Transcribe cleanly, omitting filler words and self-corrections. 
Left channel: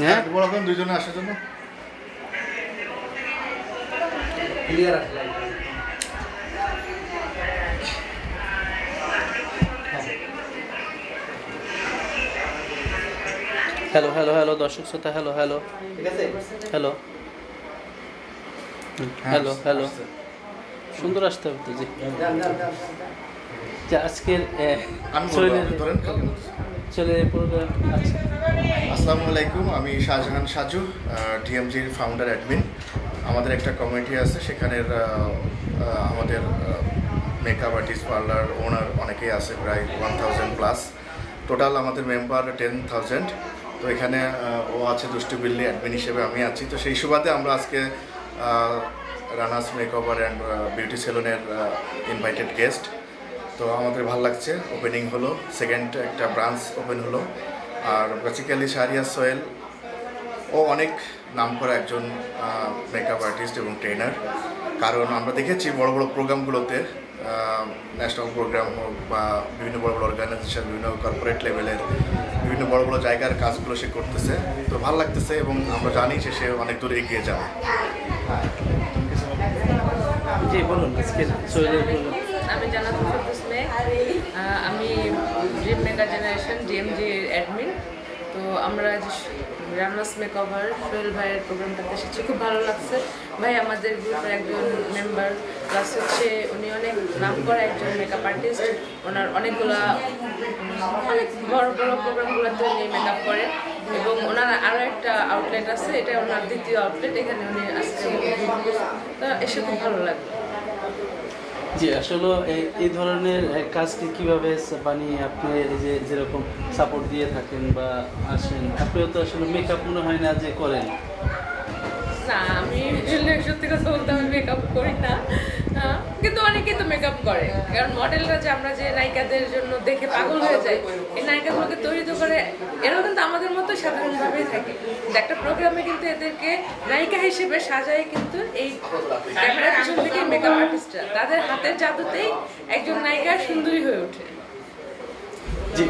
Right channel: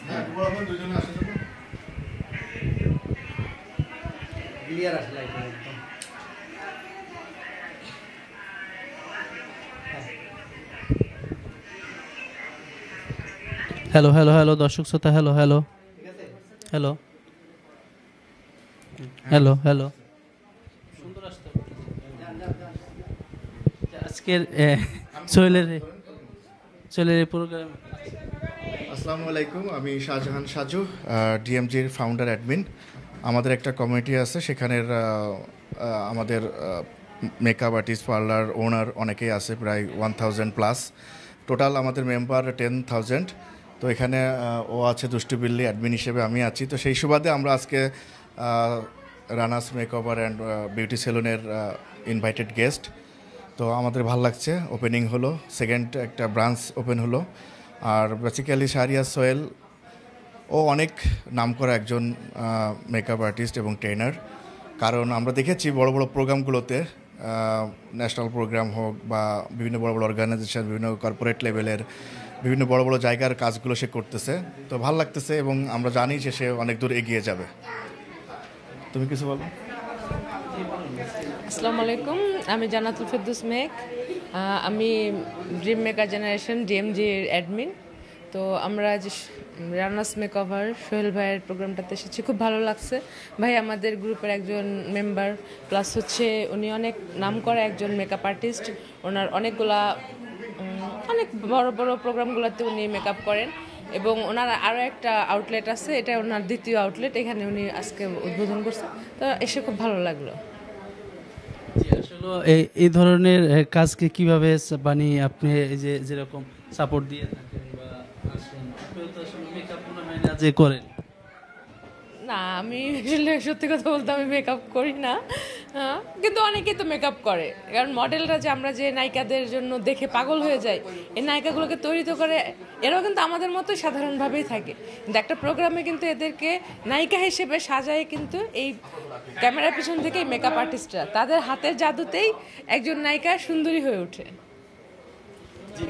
হ্যাঁ দুইজনে আসার জন্য হ্যালো হ্যালো হ্যালো দর্শক শ্রোতা hello hello hello hello hello সুন্দর আসতে হবে তো জি আজকের ছেলের প্রোগ্রাম। আসসালামু আলাইকুম, আমি শাহজাহান সাজু, ডিএমজির ফাউন্ডার অ্যাডমিন। আমাদের একটা কমিউনিটি আছে, সেখানের আমাদের মেকআপ আর্টিস্ট, পার্লার ওনার অনেকেই আছে, প্রায় 1000+। টোটাল আমাদের মেম্বার 10,000। তো এখানে ও আছে দুষ্টু বিল্লি, অ্যাডমিন হিসেবে আমি আছি। তো সেই সুবাদে আমরা আজকে রানাস মেকওভার অ্যান্ড বিউটি সেলুনের ইনভাইটেড গেস্ট। তো আমাদের ভালো লাগছে, ওপেনিং হলো, সেকেন্ড একটা ব্রাঞ্চ ওপেন হলো। আর বেসিক্যালি শাহরিয়ার সোহেল ও অনেক নামকরা একজন মেকআপ আর্টিস্ট এবং ট্রেনার। কারণ আমরা দেখেছি বড় বড় প্রোগ্রামগুলোতে, ন্যাশনাল প্রোগ্রাম হোক বা বিভিন্ন বড় বড় অর্গানাইজেশন, বিভিন্ন কর্পোরেট লেভেলের বিভিন্ন বড় বড় জায়গার কাজগুলো সে করতেছে। তো ভালো লাগতেছে এবং আমরা জানি যে সে অনেক দূর এগিয়ে যাবে। তুমি কিছু বলো? জি বলুন। আসসালামু আলাইকুম, আমি জান্নাতুল ফেরদৌস মেঘ। আমি ড্রিম মেকার জেনারেশন ডিএমজির অ্যাডমিন। তো আমরা যে রানাস মেকওভার সোহেল ভাইয়ের প্রোগ্রামটাতে এসেছি, খুব ভালো লাগছে। ভাই আমাদের গ্রুপের একজন মেম্বার, প্লাস হচ্ছে উনি অনেক নাম করা একজন মেকআপ আর্টিস্ট। ওনার অনেক বড় বড় প্রোগ্রামগুলোতে উনি মেকআপ করে এবং ওনার আরও একটা আউটলেট আছে, এটা ওনার দ্বিতীয় আউটলেট। এখানে উনি আজকে উদ্বোধন করছে, তো এসে খুব ভালো লাগলো। জি আসলে এই ধরনের কাজকে কীভাবে মানে আপনি যেরকম সাপোর্ট দিয়ে থাকেন বা আসেন, আপনিও তো আসলে মেকআপ মনে হয় না যে করেন। না, আমি সত্যি কথা বলতে আমি মেকআপ করি না, কিন্তু অনেকেই তো মেকআপ করে। কারণ মডেলরা যে আমরা যে নায়িকাদের জন্য দেখে পাগল হয়ে যাই, এই নায়িকাগুলোকে তৈরি তো করে এরাও কিন্তু আমাদের মতো সাধারণভাবেই থাকে, কিন্তু একটা প্রোগ্রামে কিন্তু এদেরকে নায়িকা হিসেবে সাজায় কিন্তু এই ক্যামেরার পিছন থেকে মেকআপ আর্টিস্টরা তাদের হাতের জাদুতেই একজন নায়িকা সুন্দরী হয়ে ওঠে। জি